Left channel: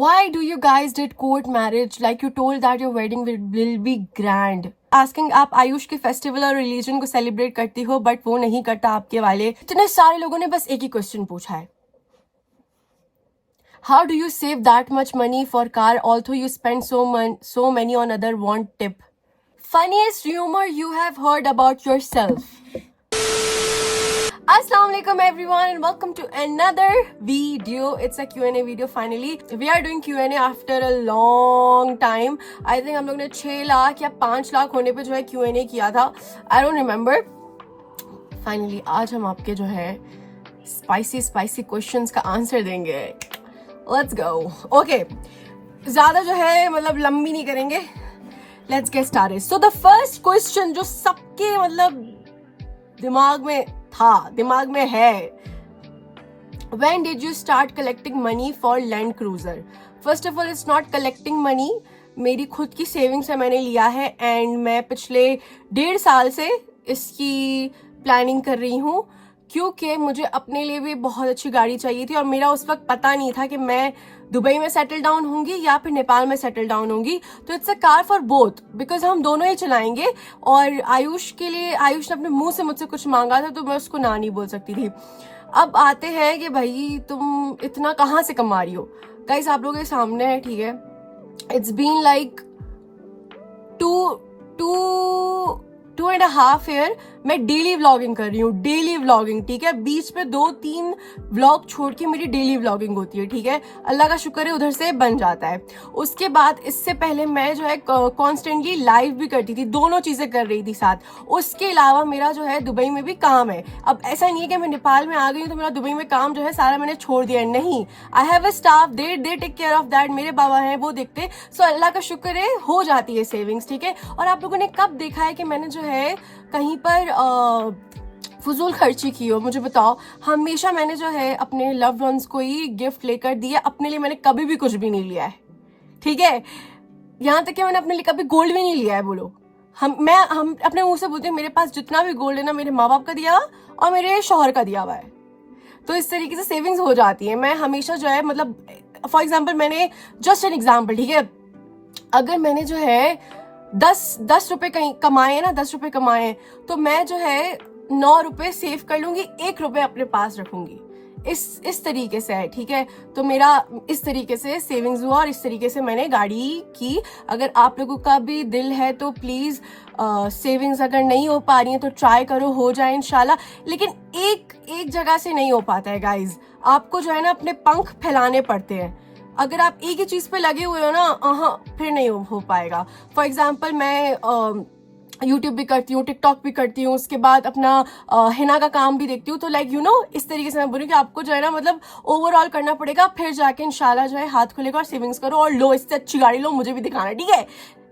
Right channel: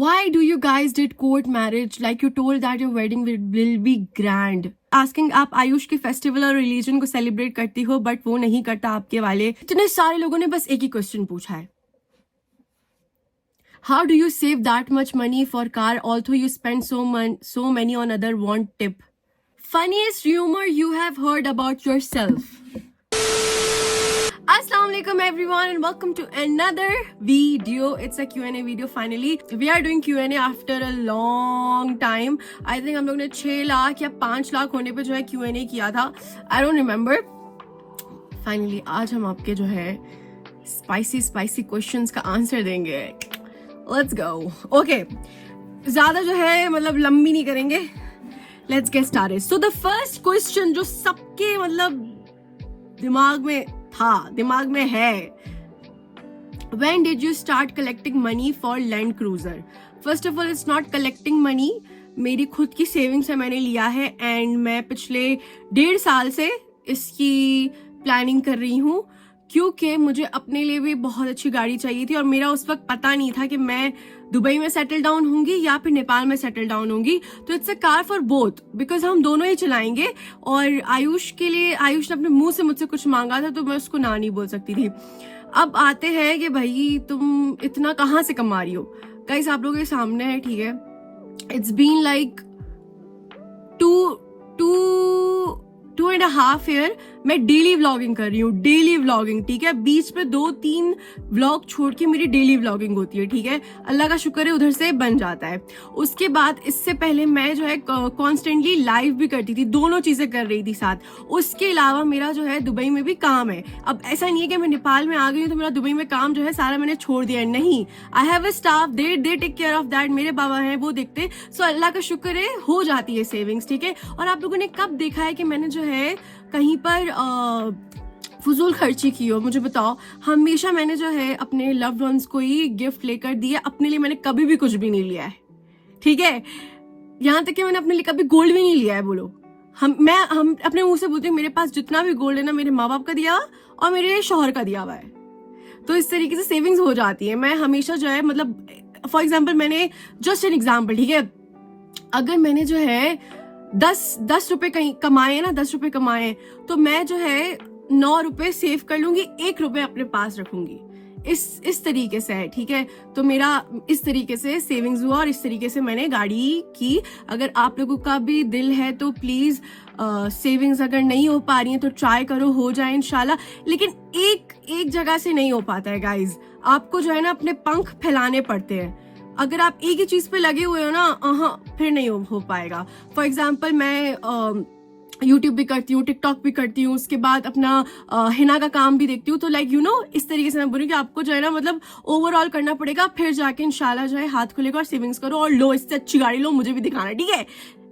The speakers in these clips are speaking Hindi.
Why do you guys did court marriage? Like you told that your wedding will be grand. Asking आप आयुष के फेस्टिवल और रिलीजन को सेलिब्रेट करती हो बट वो नहीं करता आपके वाले. इतने सारे लोगों ने बस एक ही क्वेश्चन पूछा है. How do you save that much money for car although you spend so many on other want tip? Funniest rumor you have heard about yourself. Assalamualaikum everyone and welcome to another video. It's a Q&A video finally. We are doing Q&A after a long time. I think हम लोग ने 6 लाख या 5 लाख होने पे जो है Q&A किया था. I don't remember. Finally आज हम आपके जो है spicy questions का आंसर देंगे. Let's go. Okay. ज़्यादा जो है मतलब लंबी नहीं करेंगे. Let's get started. So the first question जो सबके मतलब दिमाग में है. When did you start collecting money for Land Cruiser? First of all, it's not collecting money. मेरी खुद की सेविंग से मैंने लिया है एंड मैं पिछले 1.5 साल से इसकी प्लानिंग कर रही हूँ क्योंकि मुझे अपने लिए भी बहुत अच्छी गाड़ी चाहिए थी और मेरा उस वक्त पता नहीं था कि मैं दुबई में सेटल डाउन होंगी या फिर नेपाल में सेटल डाउन होंगी. तो it's a car for both because हम दोनों ही चलाएंगे. और आयुष ने अपने मुंह से मुझसे कुछ मांगा था तो मैं उसको ना नहीं बोल सकती थी. अब आते हैं कि भाई तुम इतना कहाँ से कमा रही हो. गाइस आप लोगों के सामने है, ठीक है. इट्स बीन लाइक 2.5 ईयर मैं डेली व्लॉगिंग कर रही हूँ. डेली व्लॉगिंग, ठीक है. बीच में 2-3 व्लॉग छोड़ के मेरी डेली व्लॉगिंग होती है, ठीक है. अल्लाह का शुक्र है उधर से बन जाता है. उसके बाद इससे पहले मैं जो है कॉन्स्टेंटली लाइव भी करती थी. दोनों चीजें कर रही थी साथ. उसके अलावा मेरा जो है दुबई में भी काम है. अब ऐसा नहीं है कि मैं नेपाल में आ गई तो मेरा दुबई में काम जो है सारा मैंने छोड़ दिया है. नहीं, I have a staff, they take care of that. मेरे बाबा हैं, वो देखते. सो अल्लाह का शुक्र है हो जाती है सेविंग्स, ठीक है. और आप लोगों ने कब देखा है कि मैंने जो है कहीं पर फजूल खर्ची की हो? मुझे बताओ. हमेशा मैंने जो है अपने लव्ड वंस को ही गिफ्ट लेकर दिया. अपने लिए मैंने कभी भी कुछ भी नहीं लिया है, ठीक है. यहाँ तक कि मैंने अपने लिए कभी गोल्ड भी नहीं लिया है. बोलो, हम अपने मुंह से बोलते हैं मेरे पास जितना भी गोल्ड है ना मेरे माँ बाप का दिया और मेरे शौहर का दिया हुआ है. तो इस तरीके से सेविंग्स हो जाती है. मैं हमेशा जो है मतलब फॉर एग्जाम्पल मैंने जस्ट एन एग्जाम्पल, ठीक है. अगर मैंने जो है 10 रुपए कहीं कमाए ना, 10 रुपए कमाए तो मैं जो है 9 रुपए सेव कर लूंगी, 1 रुपए अपने पास रखूंगी. इस तरीके से है, ठीक है. तो मेरा इस तरीके से सेविंग्स हुआ और इस तरीके से मैंने गाड़ी की. अगर आप लोगों का भी दिल है तो प्लीज सेविंग्स अगर नहीं हो पा रही है तो ट्राई करो, हो जाए इंशाल्लाह. लेकिन एक जगह से नहीं हो पाता है गाइज. आपको जो है ना अपने पंख फैलाने पड़ते हैं. अगर आप एक ही चीज पे लगे हुए हो ना, फिर नहीं हो पाएगा. फॉर एग्जाम्पल मैं यूट्यूब भी करती हूँ, टिकटॉक भी करती हूँ, उसके बाद अपना हिना का काम भी देखती हूँ. तो लाइक इस तरीके से मैं बोलूँ कि आपको जो है ना मतलब ओवरऑल करना पड़ेगा, फिर जाके इंशाल्लाह जो है हाथ खुलेगा और सेविंग्स करो और लो, इससे अच्छी गाड़ी लो, मुझे भी दिखाना, ठीक है.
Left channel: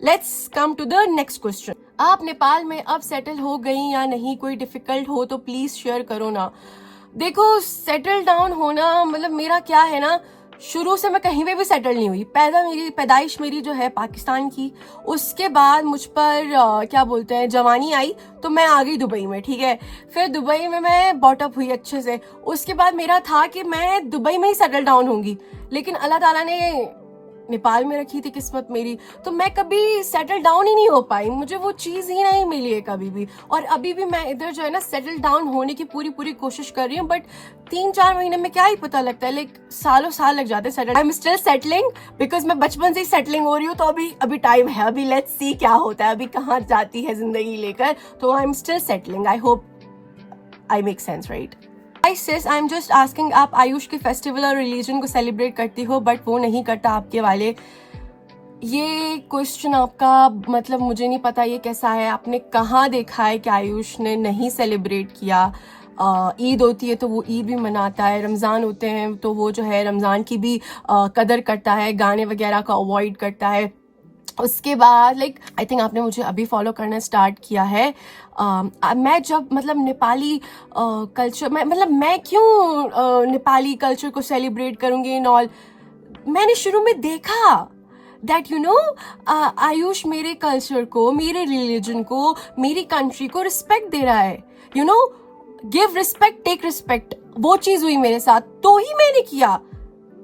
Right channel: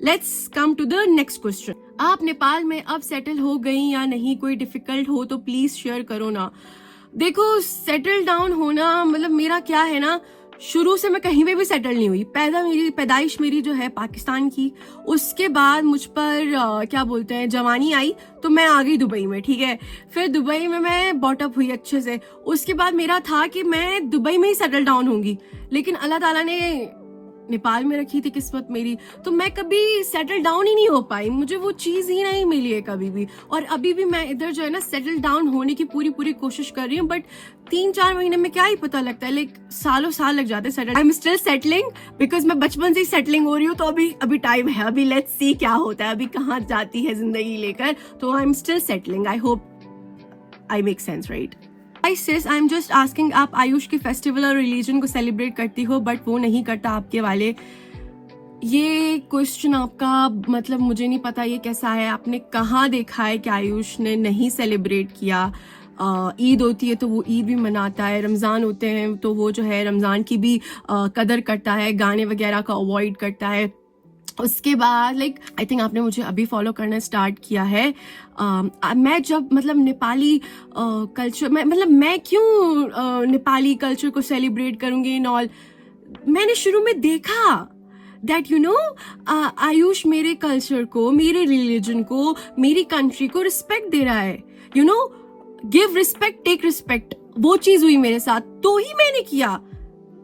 Let's come to the next question. आप नेपाल में अब सेटल हो गई या नहीं? कोई डिफिकल्ट हो तो प्लीज शेयर करो ना. देखो, सेटल डाउन होना मतलब मेरा क्या है ना, शुरू से मैं कहीं पे भी सेटल नहीं हुई. पैदाइश मेरी जो है पाकिस्तान की. उसके बाद मुझ पर क्या बोलते हैं जवानी आई तो मैं आ गई दुबई में, ठीक है. फिर दुबई में मैं बॉटअप हुई अच्छे से. उसके बाद मेरा था कि मैं दुबई में ही सेटल डाउन होंगी, लेकिन अल्लाह ताला ने नेपाल में रखी थी किस्मत मेरी. तो मैं कभी सेटल डाउन ही नहीं हो पाई. मुझे वो चीज ही नहीं मिली है कभी भी. और अभी भी मैं इधर जो है ना सेटल डाउन होने की पूरी कोशिश कर रही हूँ. बट 3-4 महीने में क्या ही पता लगता है, लाइक सालों साल लग जाते हैं settle. I am still settling because मैं बचपन से ही सेटलिंग हो रही हूँ. तो अभी टाइम है. अभी लेट्स सी क्या होता है, अभी कहाँ जाती है जिंदगी लेकर. तो I am still settling. I hope I make sense, right? Hi sis, I'm just asking, आप आयुष के फेस्टिवल और रिलीजन को सेलिब्रेट करती हो बट वो नहीं करता आपके वाले. ये क्वेश्चन आपका मतलब मुझे नहीं पता ये कैसा है. आपने कहाँ देखा है कि आयुष ने नहीं सेलिब्रेट किया? ईद होती है तो वो ईद भी मनाता है, रमज़ान होते हैं तो वो जो है रमज़ान की भी कदर करता है, गाने वगैरह का अवॉइड करता है. उसके बाद लाइक आई थिंक आपने मुझे अभी फॉलो करना स्टार्ट किया है. मैं जब मतलब नेपाली कल्चर मैं क्यों नेपाली कल्चर को सेलिब्रेट करूंगी इन ऑल. मैंने शुरू में देखा दैट आयुष मेरे कल्चर को, मेरे रिलीजन को, मेरी कंट्री को रिस्पेक्ट दे रहा है. गिव रिस्पेक्ट टेक रिस्पेक्ट, वो चीज हुई मेरे साथ तो ही मैंने किया.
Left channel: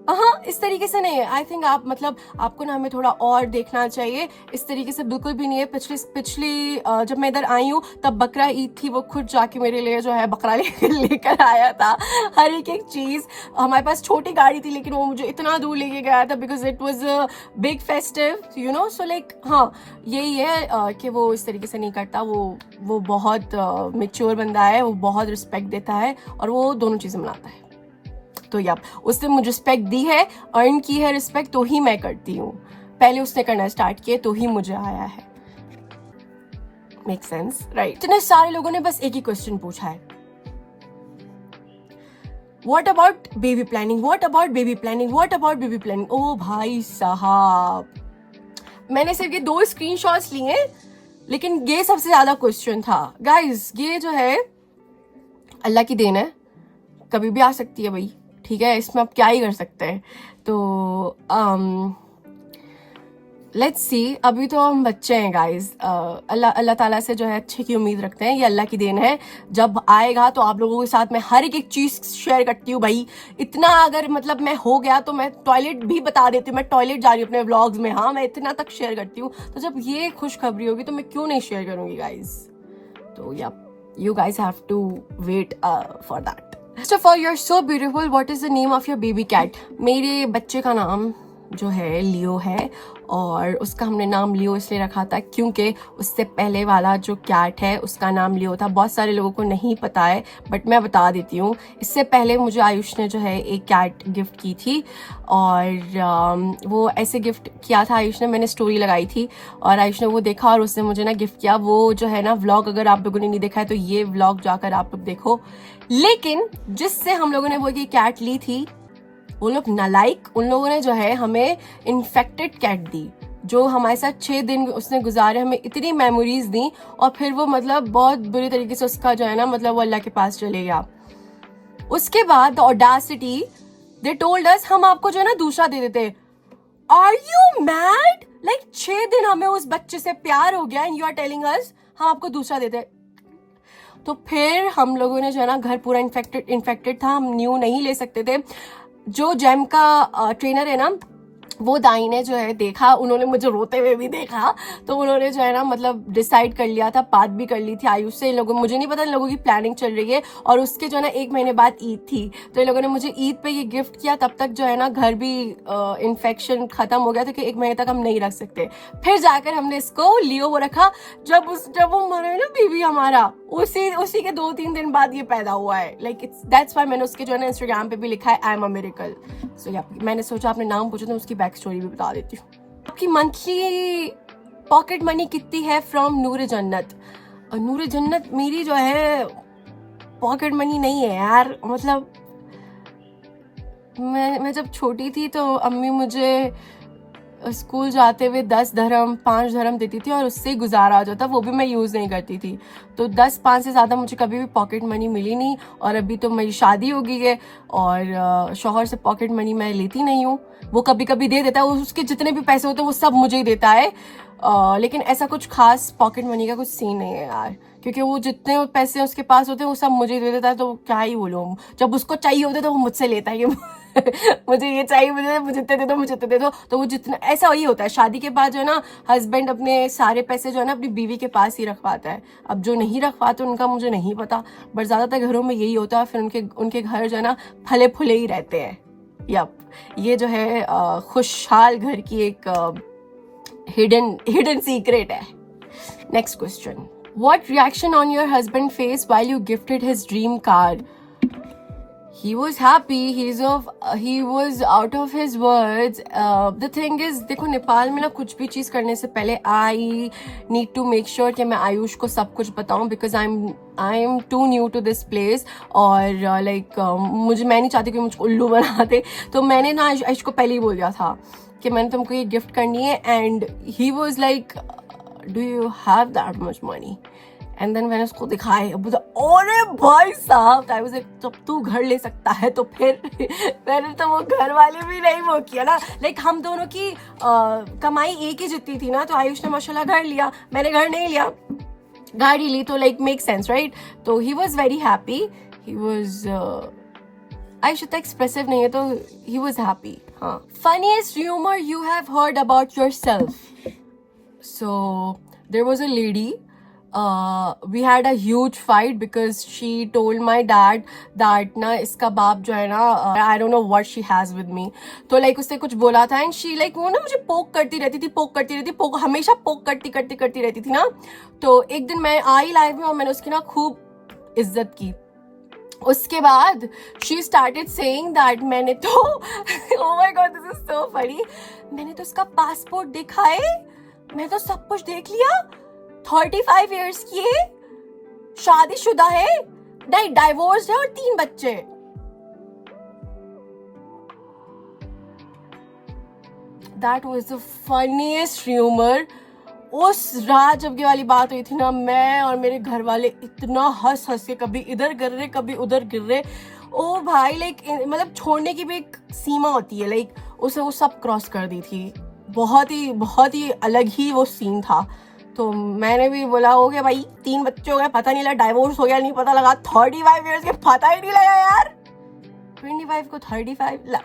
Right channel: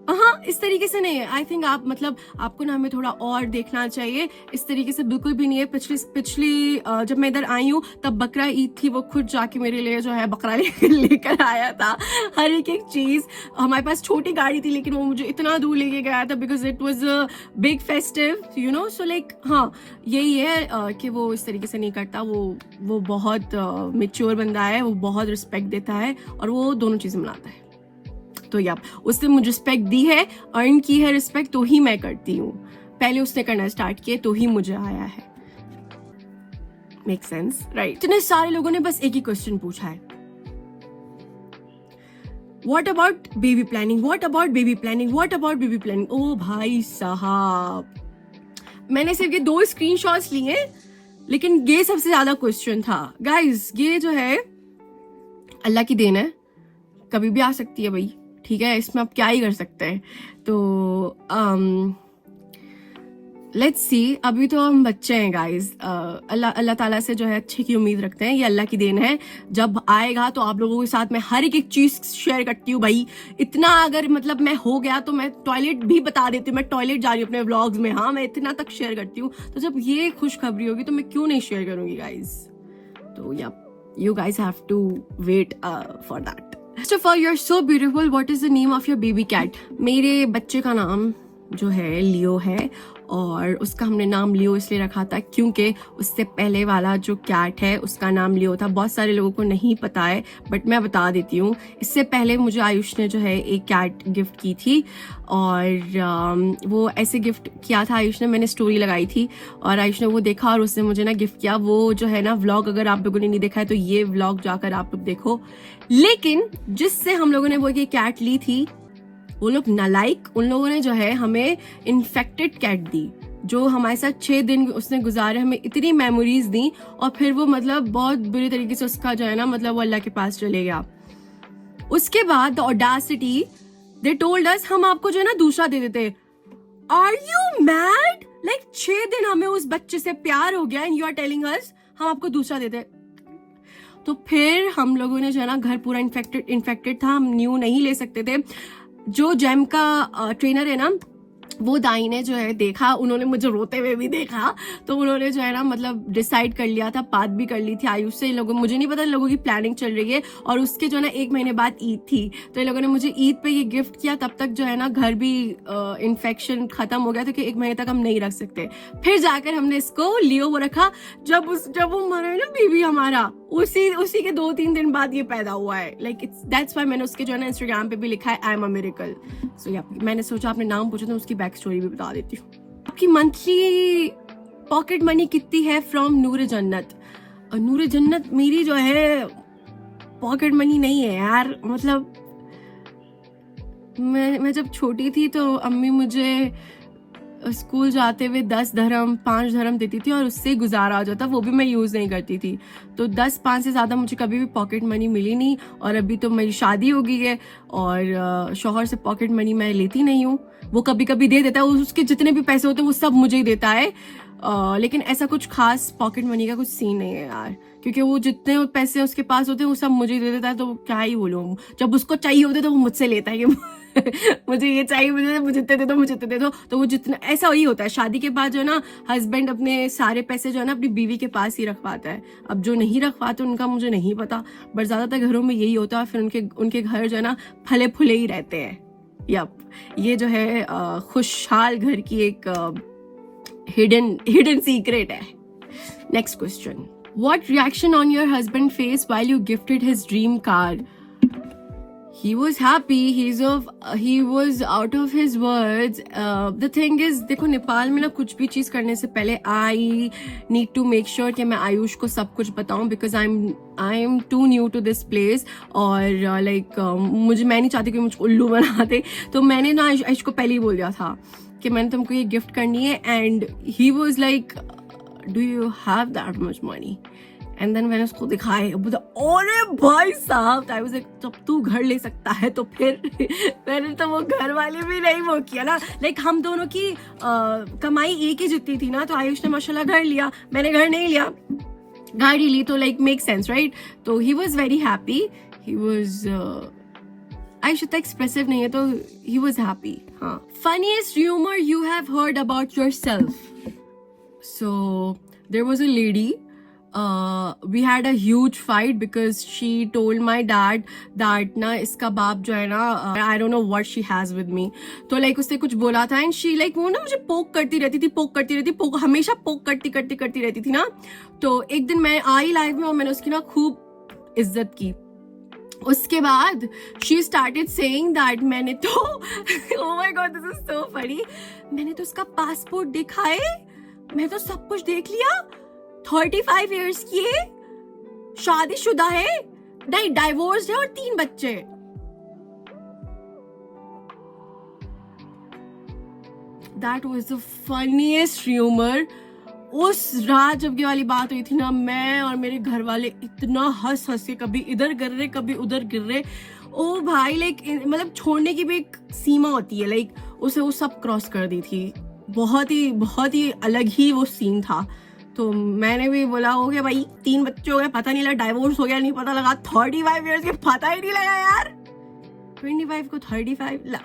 हाँ, इस तरीके से नहीं है। आई थिंक आप मतलब आपको ना हमें थोड़ा और देखना चाहिए, इस तरीके से बिल्कुल भी नहीं है। पिछली जब मैं इधर आई हूँ तब बकरा ईद थी, वो खुद जाके मेरे लिए जो है बकरा लेकर आया था, हर एक चीज। हमारे पास छोटी गाड़ी थी लेकिन वो मुझे इतना दूर लेके गया था because it was a big festive, you know. So like हाँ, यही है कि वो इस तरीके से नहीं करता। वो बहुत मेच्योर बंदा है, वो बहुत रिस्पेक्ट देता है और वो दोनों चीजें मनाता है। तो या उसने मुझे रिस्पेक्ट दी है, अर्न की है रिस्पेक्ट, तो ही मैं करती हूँ। पहले उसने करना स्टार्ट किया तो ही मुझे आया है। Make sense, right? इतने सारे लोगों ने बस एक ही क्वेश्चन पूछा है, what about baby planning, what about baby planning, what about baby planning. ओ भाई साहब, मैंने सिर्फ ये 2 स्क्रीनशॉट्स लिए लेकिन ये सबसे ज्यादा क्वेश्चन था। गाइस, ये जो है अल्लाह की देन है, कभी भी आ सकती है भाई, ठीक है? इसमें आप क्या ही कर सकते हैं। तो लेट्स सी, अभी तो हम बच्चे हैं गाइस। अल्लाह ताला से जो है अच्छे की उम्मीद रखते हैं, ये अल्लाह की देन है। जब आएगा तो आप लोगों के साथ मैं हर एक चीज शेयर करती हूँ भाई। इतना अगर मतलब मैं हो गया तो मैं टॉयलेट भी बता देती हूँ, मैं टॉयलेट जा रही हूँ अपने व्लॉग्स में। हाँ, मैं इतना तक शेयर करती हूँ। तो जब ये खुशखबरी होगी तो मैं क्यों नहीं शेयर करूंगी गाइस? तो या you guys have to wait for that. First of all, you're so beautiful. What is the name of your baby cat? मेरे बच्चे का नाम जो है लियो है, और उसका हमने नाम लियो इसलिए रखा था क्योंकि उससे पहले वाला जो कैट है उसका नाम लियो था। बहुत सारे लोगों को नहीं पता है बट मैं बता देती हूँ। इससे पहले मुझे आयुष ने जो है एक कैट गिफ्ट की थी, और वो ऐसे गिफ्ट किया था आयुष ने, मैंने स्टोरी लगाई थी और आयुष ने वो देखा और उसने मुझे ना गिफ्ट किया। वो जो है ना व्लॉग, अगर आप लोगों ने नहीं देखा है तो ये व्लॉग जाकर आप लोग देखो। लेकिन जिससे हम लोगों ने वो ये कैट ली थी, वो लोग नालायक, उन लोगों ने जो है हमें इन्फेक्टेड कैट दी, जो हमारे साथ 6 दिन उसने गुजारे, हमें इतनी मेमोरीज दी, और फिर वो मतलब बहुत बुरी तरीके से उसका जो है ना मतलब वो अल्लाह के पास चले गया। उसके बाद the Audacity, they told us हम आपको जो है ना दूसरा दे देते। Are you mad? लाइक 6 दिन हमें उस बच्चे से प्यार हो गया and you are telling us हम आपको दूसरा देते। तो फिर हम लोगों ने जो है ना, घर पूरा इन्फेक्टेड था, हम न्यू नहीं ले सकते थे। जो जेम का ट्रेनर है ना, वो दाई ने जो है देखा, उन्होंने मुझे रोते हुए भी देखा, तो उन्होंने जो है ना मतलब डिसाइड कर लिया था, बात भी कर ली थी आयुष से। इन लोगों, मुझे नहीं पता, इन लोगों की प्लानिंग चल रही है। और उसके जो है ना 1 महीने बाद ईद थी, तो इन लोगों ने मुझे ईद पे ये गिफ्ट किया। तब तक जो है ना घर भी इन्फेक्शन खत्म हो गया था कि 1 महीने तक हम नहीं रख सकते। फिर जाकर हमने इसको लियो वो रखा। जब वो मरा है ना बेबी हमारा, उसी के 2-3 दिन बाद ये पैदा हुआ है। लाइक इट्स दैट्स व्हाई मैंने उसके जो है ना इंस्टाग्राम पे भी लिखा है आई एम अ मिरेकल। सो या मैंने सोचा आपने नाम पूछा तो उसकी बैक स्टोरी भी बता देती हूँ। आपकी मंथली पॉकेट मनी कितनी है फ्रॉम नूर जन्नत? नूर जन्नत मेरी जो है पॉकेट मनी नहीं है यार। मतलब मैं जब छोटी थी तो अम्मी मुझे स्कूल जाते हुए 10 धर्म 5 धर्म देती थी और उससे ही गुजारा आ जाता, वो भी मैं यूज़ नहीं करती थी। तो 10-5 से ज़्यादा मुझे कभी भी पॉकेट मनी मिली नहीं। और अभी तो मेरी शादी हो गई है और शौहर से पॉकेट मनी मैं लेती नहीं हूँ। वो कभी कभी दे देता है, उसके जितने भी पैसे होते हैं वो सब मुझे ही देता है। लेकिन ऐसा कुछ खास पॉकेट मनी का कुछ सीन नहीं है यार, क्योंकि वो जितने पैसे उसके पास होते हैं वो सब मुझे ही दे देता है। तो क्या ही बोलूँ, जब उसको चाहिए होते तो वो मुझसे लेता है कि मुझे ये चाहिए, मुझे इतने दे दो, मुझे इतने दे दो। तो वो जितना, ऐसा वही होता है शादी के बाद जो है ना, हस्बैंड अपने सारे पैसे जो है ना अपनी बीवी के पास ही रखवाता है। अब जो नहीं रखवाते उनका मुझे नहीं पता, बट ज्यादातर घरों में यही होता है। फिर उनके घर जो है ना फले फुले ही रहते हैं। यप, ये जो है खुशहाल घर की एक हिडन सीक्रेट है। Next question, what reaction on your husband face while you gifted his dream car? He was happy. He was out of his words. The thing is, देखो नेपाल में ना कुछ भी चीज करने से पहले I need to make sure कि मैं आयुष को सब कुछ बताऊं, because I'm too new to this place. और मैं नहीं चाहती कि मुझको उल्लू बना दे। तो मैंने ना आयुष को पहले ही बोल दिया था कि मैंने तुमको ये गिफ्ट करनी है। And he was like, do you have that much money? And then मैंने उसको दिखाया, बोला अरे भाई साहब, आई वाज लाइक जब तू घर ले सकता है तो फिर मैंने तो वो घर वाले भी नहीं वो किया ना। लाइक हम दोनों की कमाई एक ही जितनी थी ना। तो आयुष ने माशाल्लाह घर लिया, मैंने घर नहीं लिया, गाड़ी ली। तो लाइक मेक सेंस राइट। तो he was very happy. He was Ayush इतना एक्सप्रेसिव नहीं है तो ही वॉज हैप्पी. हाँ. Funniest rumour you have heard about yourself. So there was a lady. We had a huge fight because she told my dad that ना इसका बाप जो है ना I don't know what she has with me. तो like उसने कुछ बोला था and she like वो ना मुझे पोक करती रहती थी, हमेशा पोक करती रहती थी ना. तो एक दिन मैं आई लाइव में और मैंने उसकी ना खूब इज्जत की. उसके बाद she started saying that मैंने तो oh my god this is so funny, मैंने तो उसका पासपोर्ट देखा है, मैं तो सब कुछ देख लिया, 35 इयर्स की है, शादीशुदा है, नहीं डाइवोर्स्ड है और 3 बच्चे. That was the funniest rumor. उस रात जब ये वाली बात हुई थी ना, मैं और मेरे घर वाले इतना हंस के कभी इधर गिर रहे कभी उधर गिर रहे. ओ भाई लाइक मतलब छोड़ने की भी एक सीमा होती है, लाइक उसे वो सब क्रॉस कर दी थी. बहुत ही अलग ही वो सीन था. तो मैंने भी बोला हो गया भाई, 3 बच्चे हो गए, पता नहीं लगा, डाइवोर्स हो गया नहीं पता लगा, 35 इयर्स के पता ही नहीं लगा यार, 25 को 35.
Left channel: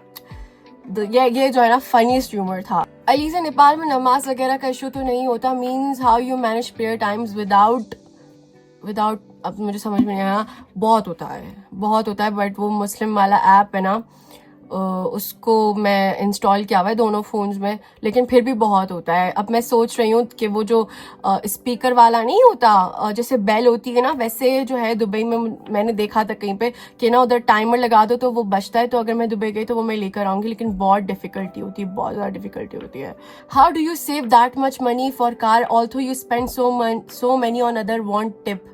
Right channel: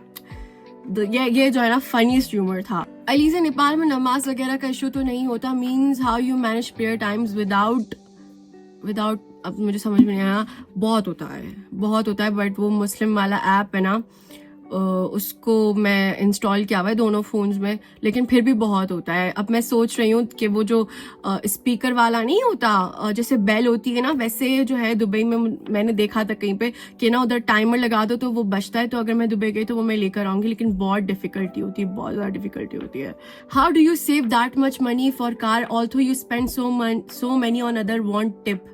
ये जो है ना फनीस्ट र्यूमर था. अली से नेपाल में नमाज वगैरह का इशू तो नहीं होता, means how you manage prayer times without अब मुझे समझ में नहीं आया. बहुत होता है बट वो मुस्लिम वाला ऐप है ना, उसको मैं इंस्टॉल किया हुआ है दोनों फोन्स में, लेकिन फिर भी बहुत होता है. अब मैं सोच रही हूँ कि वो जो स्पीकर वाला नहीं होता, जैसे बेल होती है ना, वैसे जो है दुबई में मैंने देखा था कहीं पे कि ना उधर टाइमर लगा दो तो वो बजता है. तो अगर मैं दुबई गई तो वो मैं लेकर आऊंगी, लेकिन बहुत डिफिकल्टी होती है, बहुत ज़्यादा डिफिकल्टी होती है. How do you save that much money for car also you spend so money on other want tip.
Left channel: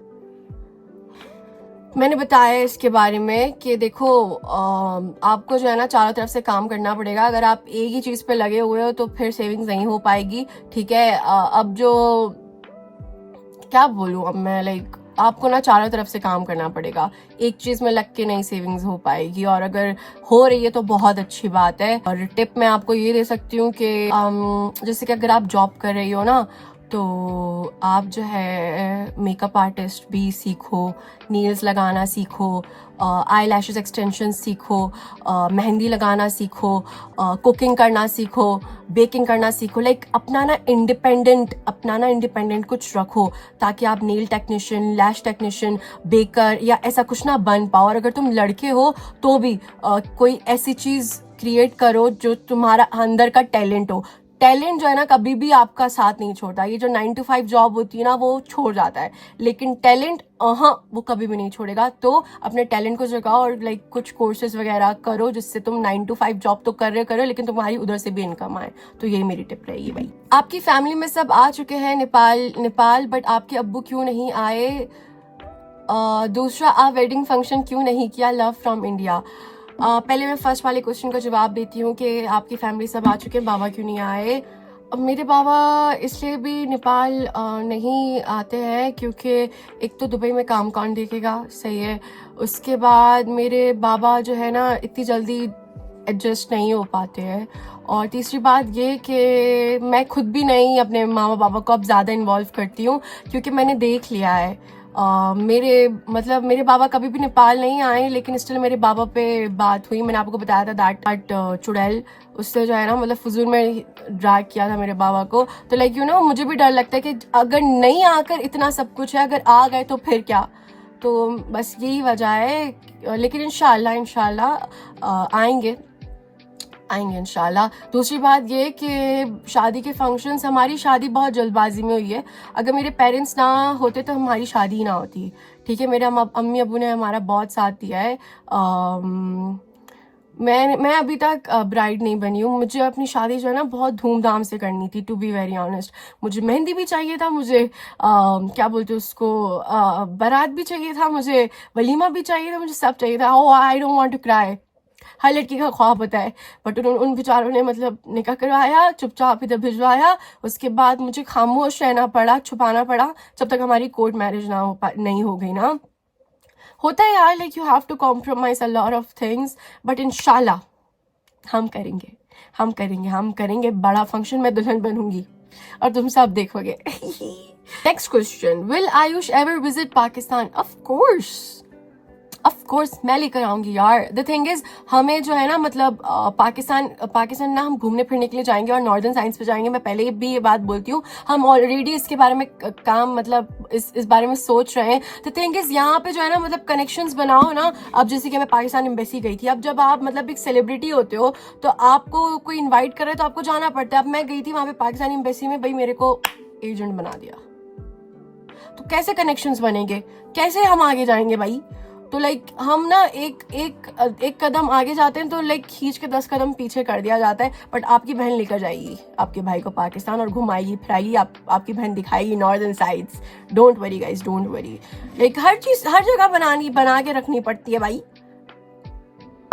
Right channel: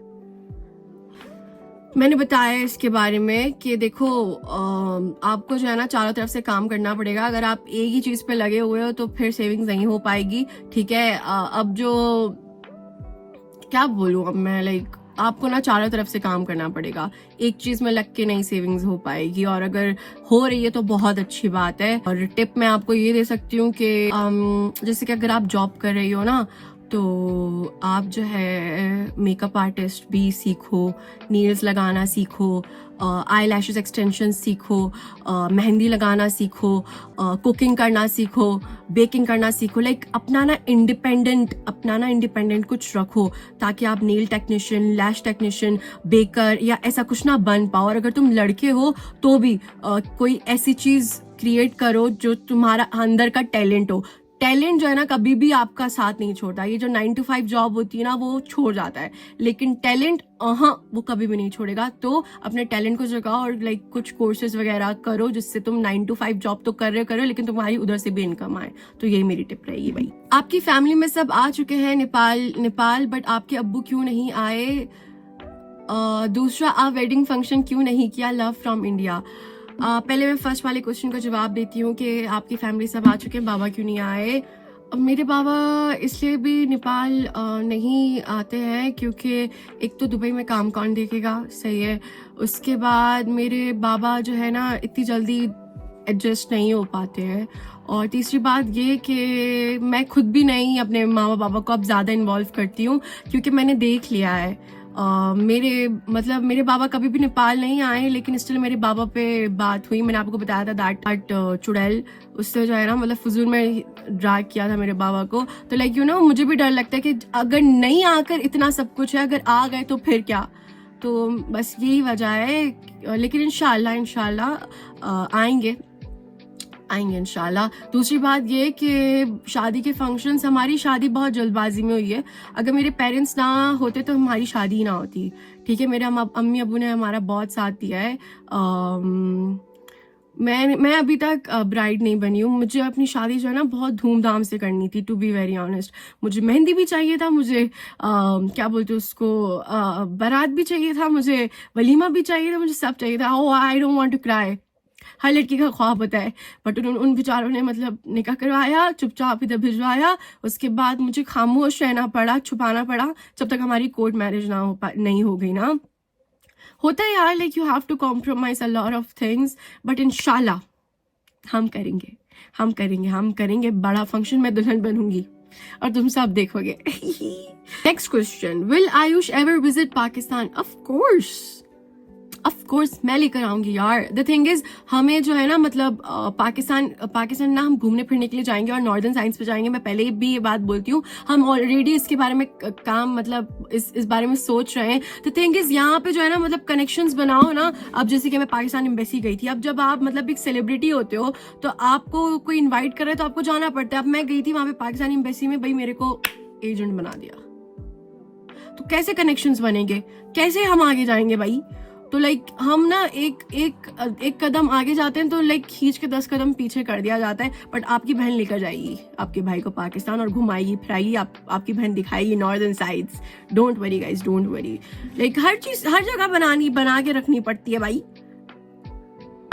मैंने बताया इसके बारे में कि देखो आपको जो है ना चारों तरफ से काम करना पड़ेगा. अगर आप एक ही चीज पे लगे हुए हो तो फिर सेविंग्स नहीं हो पाएगी. ठीक है, अब जो क्या बोलूं अब मैं, लाइक आपको ना चारों तरफ से काम करना पड़ेगा, एक चीज में लग के नहीं सेविंग्स हो पाएगी. और अगर हो रही है तो बहुत अच्छी बात है. और टिप मैं आपको ये दे सकती हूँ कि जैसे कि अगर आप जॉब कर रही हो ना, तो आप जो है मेकअप आर्टिस्ट भी सीखो, नेल्स लगाना सीखो, आई लैशेस एक्सटेंशन सीखो, मेहंदी लगाना सीखो, कुकिंग करना सीखो, बेकिंग करना सीखो. लाइक अपना ना इंडिपेंडेंट कुछ रखो ताकि आप नेल टेक्नीशियन, लैश टेक्नीशियन, बेकर या ऐसा कुछ ना बन पाओ. और अगर तुम लड़के हो तो भी कोई ऐसी चीज क्रिएट करो जो तुम्हारा अंदर का टैलेंट हो. टैलेंट जो है ना कभी भी आपका साथ नहीं छोड़ता. ये जो 9 to 5 जॉब होती है ना वो छोड़ जाता है, लेकिन टैलेंट वो कभी भी नहीं छोड़ेगा. तो अपने टैलेंट को जगाओ और लाइक कुछ कोर्सेज वगैरह करो जिससे तुम 9 to 5 जॉब तो कर रहे हो लेकिन तुम्हारी उधर से भी इनकम आए. तो यही मेरी टिप रहेगी भाई. आपकी फैमिली में सब आ चुके हैं नेपाल बट आपके अब्बू क्यों नहीं आए. दूसरा, आप वेडिंग फंक्शन क्यों नहीं किया. Love from India. पहले मैं फर्स्ट वाले क्वेश्चन का जवाब देती हूँ कि आपकी फैमिली सब आ चुके हैं, बाबा क्यों नहीं आए. अब मेरे बाबा इसलिए भी नेपाल नहीं आते हैं क्योंकि एक तो दुबई में काम कौन देखेगा, सही है. उसके बाद मेरे बाबा जो है ना इतनी जल्दी एडजस्ट नहीं हो पाते हैं. और तीसरी बात ये कि मैं खुद भी नहीं अपने मामा बाबा को अब ज़्यादा इन्वॉल्व करती हूँ क्योंकि मैंने देख लिया है. मेरे बाबा कभी भी नेपाल नहीं आए, लेकिन स्टिल मेरे बाबा पे बात हुई. मैंने आपको बताया था दैट चुड़ैल, उससे जो है ना मतलब फजूल में ड्रैग किया था मेरे बाबा को. तो लाइक मुझे भी डर लगता है कि अगर नहीं आकर इतना सब कुछ है, अगर आ गए तो फिर क्या. तो बस यही वजह है, लेकिन इंशाल्लाह आएंगे इंशाल्लाह. दूसरी बात ये कि शादी के फंक्शंस, हमारी शादी बहुत जल्दबाजी में हुई है. अगर मेरे पेरेंट्स ना होते तो हमारी शादी ना होती. ठीक है, मेरे अम्मी अबू ने हमारा बहुत साथ दिया है. मैं अभी तक ब्राइड नहीं बनी हूँ. मुझे अपनी शादी जो है ना बहुत धूमधाम से करनी थी, टू बी वेरी ऑनेस्ट. मुझे मेहंदी भी चाहिए था, मुझे क्या बोलते उसको बारात भी चाहिए था, मुझे वलीमा भी चाहिए था, मुझे सब चाहिए था. Oh I don't want to cry. हर लड़की का ख्वाब होता है, बट उन बेचारों ने मतलब निकाह करवाया, चुपचाप इधर भिजवाया. उसके बाद मुझे खामोश रहना पड़ा, छुपाना पड़ा जब तक हमारी कोर्ट मैरिज नहीं हो गई ना. होता है यार, like you have to compromise a lot of things, but इंशाल्लाह हम करेंगे बड़ा फंक्शन. मैं दुल्हन बनूंगी और तुम सब देखोगे. Next question, will Ayush ever visit Pakistan. Of course of course मैं लेकर आऊंगी यार। द थिंग इज हमें जो है ना मतलब पाकिस्तान ना हम घूमने फिरने के लिए जाएंगे और नॉर्दर्न साइंस पे जाएंगे। मैं पहले भी ये बात बोलती हूँ, हम ऑलरेडी इसके बारे में काम मतलब इस बारे में सोच रहे हैं। द थिंग इज यहाँ पे जो है ना मतलब कनेक्शंस बनाओ ना। अब जैसे कि मैं पाकिस्तान एम्बेसी गई थी, अब जब आप मतलब एक सेलिब्रिटी होते हो तो आपको कोई इन्वाइट कर रहा है तो आपको जाना पड़ता है। अब मैं गई थी वहां पे पाकिस्तान एम्बेसी में, भाई मेरे को एजेंट बना दिया, तो कैसे कनेक्शंस बनेंगे, कैसे हम आगे जाएंगे भाई। तो लाइक हम ना एक कदम आगे जाते हैं तो लाइक खींच के 10 कदम पीछे कर दिया जाता है। बट आपकी बहन लेकर जाएगी आपके भाई को पाकिस्तान और घुमाएगी फिराएगी, आपकी बहन दिखाएगी northern sides. Don't worry guys, don't worry. Like हर चीज हर जगह बना के रखनी पड़ती है भाई।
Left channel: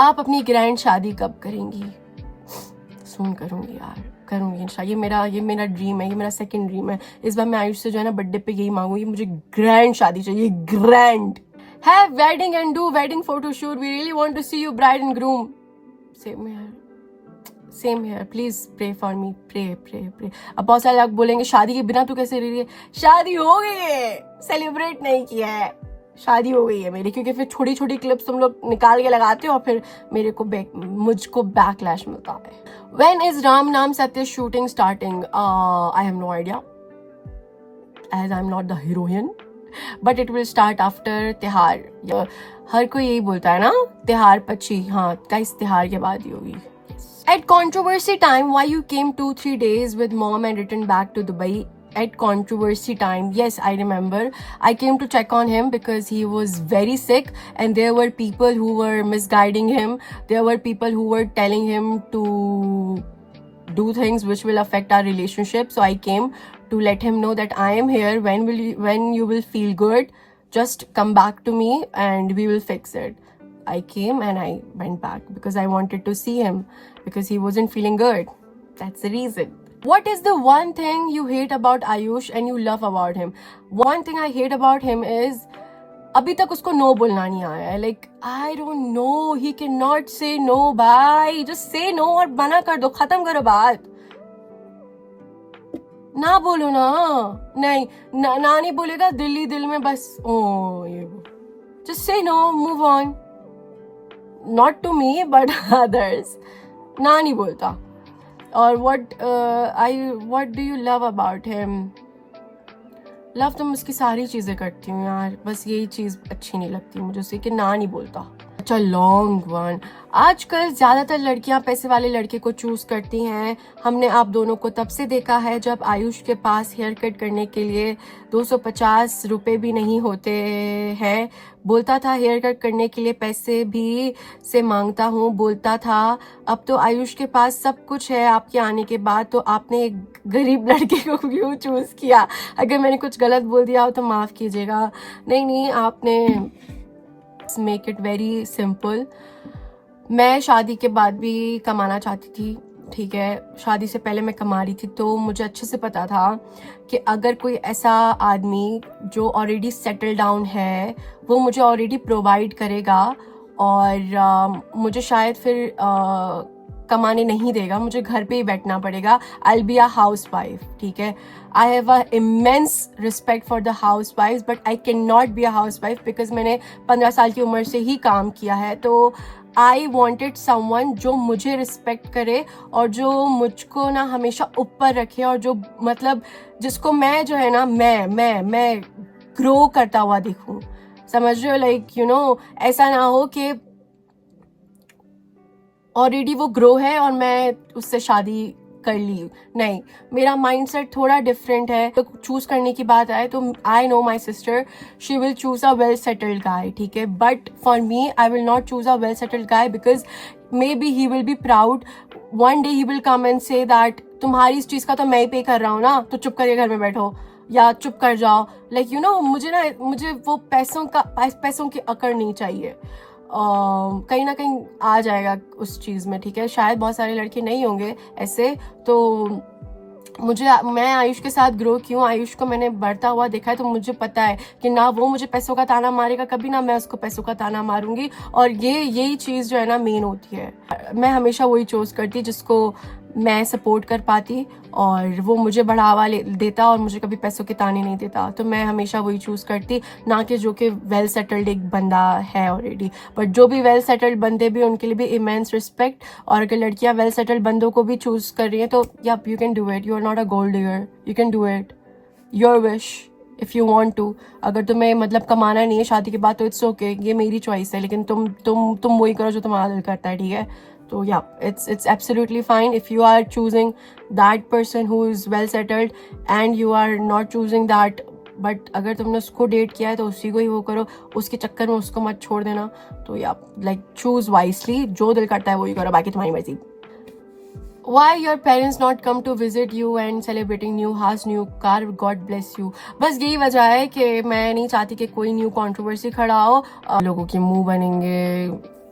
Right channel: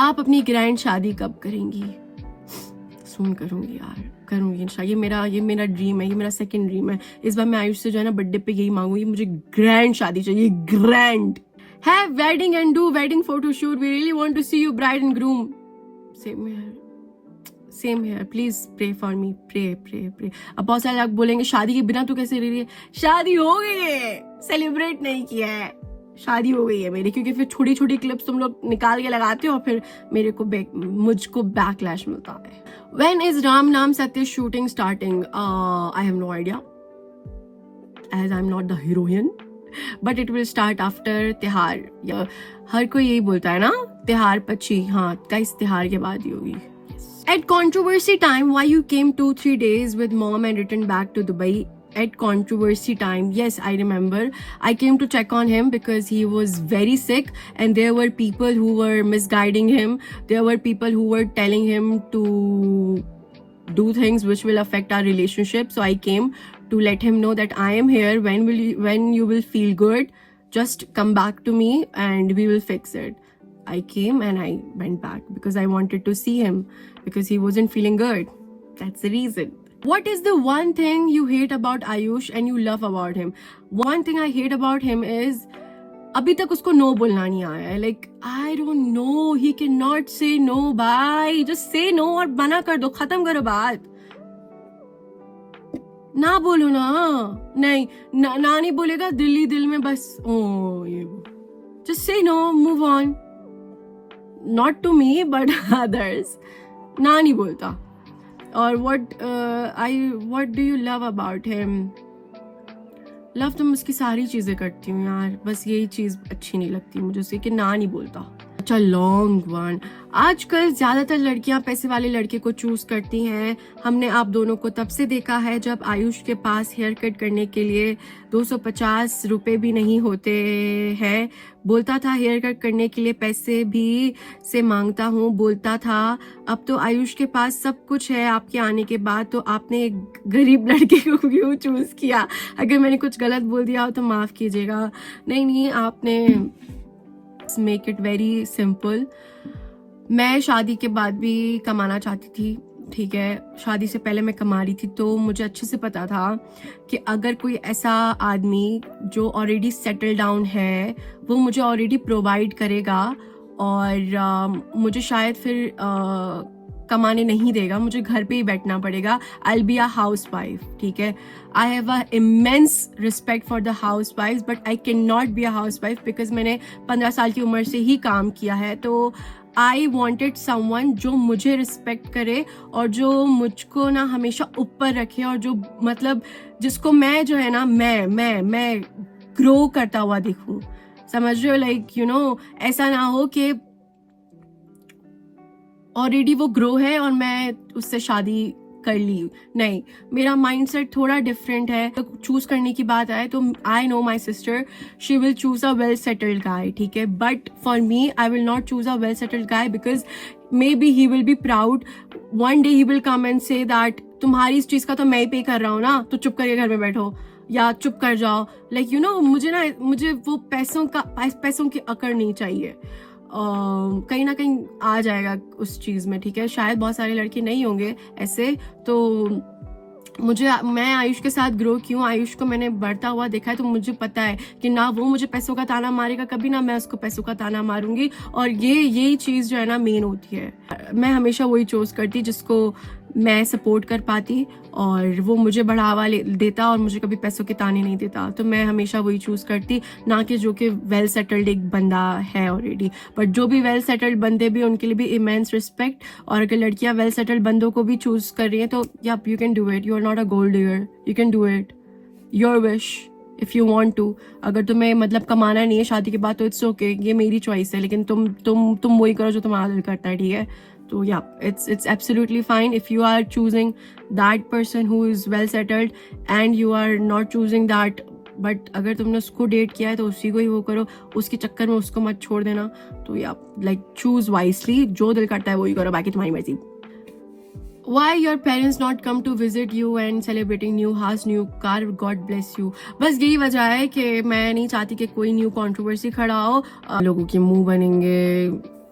आप अपनी ग्रैंड शादी कब करेंगी? सुन करूंगी यार, करूंगी इंशाल्लाह। ये मेरा ड्रीम है, ये मेरा सेकंड ड्रीम है। इस बार मैं आयुष से जो है ना बर्थडे पे यही मांगूंगी, मुझे ग्रैंड शादी चाहिए, grand. Have wedding and do wedding photo shoot. We really want to see you bride and groom. Same here. Please pray for me. Pray. अब बहुत सारे लोग बोलेंगे शादी के बिना तू कैसे रह रही है? शादी हो गई है, सेलिब्रेट नहीं किया है। शादी हो गई है मेरी, क्योंकि फिर छोटी छोटी क्लिप्स तुम लोग निकाल के लगाते हो और फिर मुझको बैकलैश मिलता है। When is राम नाम सत्य shooting starting? I have no idea, as I'm not the heroine. But it will start after त्योहार। हर कोई यही बोलता है ना, त्योहार पची। हाँ गाइस, त्योहार के बाद ही होगी। At controversy time, why you came 2-3 days with mom and returned back to Dubai? At controversy time, yes, I remember. I came to check on him because he was very sick and there were people who were misguiding him. There were people who were telling him to do things which will affect our relationship. So I came to let him know that I am here. When you will feel good, just come back to me and we will fix it. I came and I went back because I wanted to see him because he wasn't feeling good. That's the reason. What is the one thing you hate about Ayush and you love about him? One thing I hate about him is अभी तक उसको नो बोलना नहीं आया है। Like I don't no, he can not से नो भाई। जस्ट से नो और मना कर दो, खत्म करो बात। ना बोलो ना, नहीं ना नहीं बोलेगा दिल में बस ओ ये just say no, move on. Not to me but others. ना नहीं बोलता। और what do you love about him? Love तो मैं उसकी सारी चीजें करती हूँ यार, बस यही चीज अच्छी नहीं लगती मुझे उससे कि ना नहीं बोलता। अच्छा लॉन्ग वन। आजकल ज्यादातर लड़कियां पैसे वाले लड़के को चूज करती हैं। हमने आप दोनों को तब से देखा है जब आयुष के पास हेयर कट करने के लिए 250 रुपए भी नहीं होते हैं। बोलता था हेयर कट करने के लिए पैसे भी से मांगता हूँ, बोलता था। अब तो आयुष के पास सब कुछ है आपके आने के बाद, तो आपने एक गरीब लड़के को क्यों चूज किया? अगर मैंने कुछ गलत बोल दिया हो तो माफ कीजिएगा। नहीं, आपने मेक इट वेरी सिंपल। मैं शादी के बाद भी कमाना चाहती थी, ठीक है। शादी से पहले मैं कमा रही थी, तो मुझे अच्छे से पता था कि अगर कोई ऐसा आदमी जो ऑलरेडी सेटल डाउन है वो मुझे ऑलरेडी प्रोवाइड करेगा और मुझे शायद फिर कमाने नहीं देगा, मुझे घर पे ही बैठना पड़ेगा। I will be a house wife, ठीक है। आई have a immense respect for the house wife, but I can not be a house wife because मैंने 15 साल की उम्र से ही काम किया है। तो आई वॉन्टेड समवन जो मुझे रिस्पेक्ट करे और जो मुझको ना हमेशा ऊपर रखे और जो मतलब जिसको मैं जो है ना मैं ग्रो करता हुआ दिखूं। समझ रहे हो? लाइक यू नो, ऐसा ना हो कि ऑलरेडी वो ग्रो है और मैं उससे शादी कर ली। नहीं, मेरा माइंडसेट थोड़ा डिफरेंट है। तो चूज करने की बात आए तो I know my sister, she will choose a well settled guy, ठीक है। But for me I will not choose a well settled guy because maybe he will be proud. One day he will come and say that तुम्हारी इस चीज का तो मैं ही पे कर रहा हूँ ना, तो चुप करके घर में बैठो या चुप कर जाओ। लाइक यू नो, मुझे वो पैसों की अकड़ नहीं चाहिए। कहीं ना कहीं आ जाएगा उस चीज में, ठीक है। शायद बहुत सारे लड़के नहीं होंगे ऐसे। तो मैं आयुष के साथ ग्रो क्यों, आयुष को मैंने बढ़ता हुआ देखा है, तो मुझे पता है कि ना वो मुझे पैसों का ताना मारेगा कभी, ना मैं उसको पैसों का ताना मारूंगी। और यही चीज जो है ना मेन होती है। मैं हमेशा वही चूज करती जिसको मैं सपोर्ट कर पाती और वो मुझे बढ़ावा देता और मुझे कभी पैसों के ताने नहीं देता, तो मैं हमेशा वही चूज़ करती, ना कि जो कि वेल सेटल्ड एक बंदा है ऑलरेडी। बट जो भी वेल सेटल्ड बंदे भी, उनके लिए भी इमेंस रिस्पेक्ट। और अगर लड़कियां वेल सेटल्ड बंदों को भी चूज़ कर रही हैं तो yup, you can do it, you are not a gold digger, you can do it, your wish if you want to. अगर तुम्हें मतलब कमाना नहीं है शादी के बाद तो इट्स ओके, ये मेरी चॉइस है, लेकिन तुम वही करो जो तुम्हारा दिल करता है, ठीक है? तो या it's absolutely fine if you are choosing that person who is well settled and you are not choosing that, but अगर तुमने उसको डेट किया है तो उसी को ही वो करो, उसके चक्कर में उसको मत छोड़ देना। तो या लाइक चूज वाइसली, जो दिल करता है वही करो, बाकी तुम्हारी मर्जी। Why your parents not come to visit you and celebrating new house, new car, God bless you। बस यही वजह है कि मैं नहीं चाहती कि कोई न्यू कंट्रोवर्सी खड़ा हो, लोगों के मुंह बनेंगे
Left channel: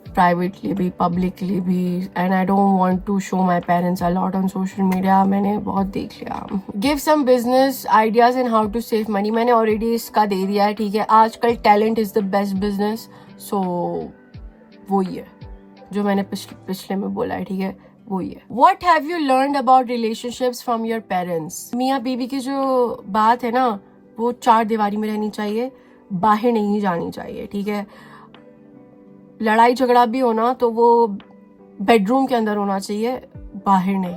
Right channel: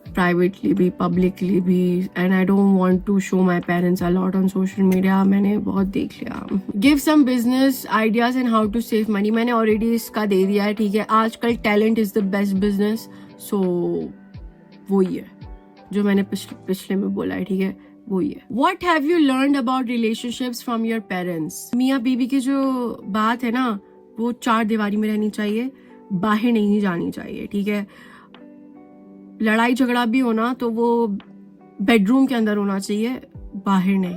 प्राइवेटली भी पब्लिकली भी, and I don't want to show my parents a lot on social media, मैंने बहुत देख लिया। Give some business ideas and how to save money, मैंने ऑलरेडी इसका दे दिया है, ठीक है? आजकल talent is the best business, so वही है जो मैंने पिछले में बोला है, ठीक है? वही है। What have you learned about relationships from your parents? मियाँ बीवी की जो बात है ना, वो 4 दीवारी में रहनी चाहिए, बाहर नहीं जानी चाहिए, ठीक है? लड़ाई झगड़ा भी होना तो वो बेडरूम के अंदर होना चाहिए, बाहर नहीं।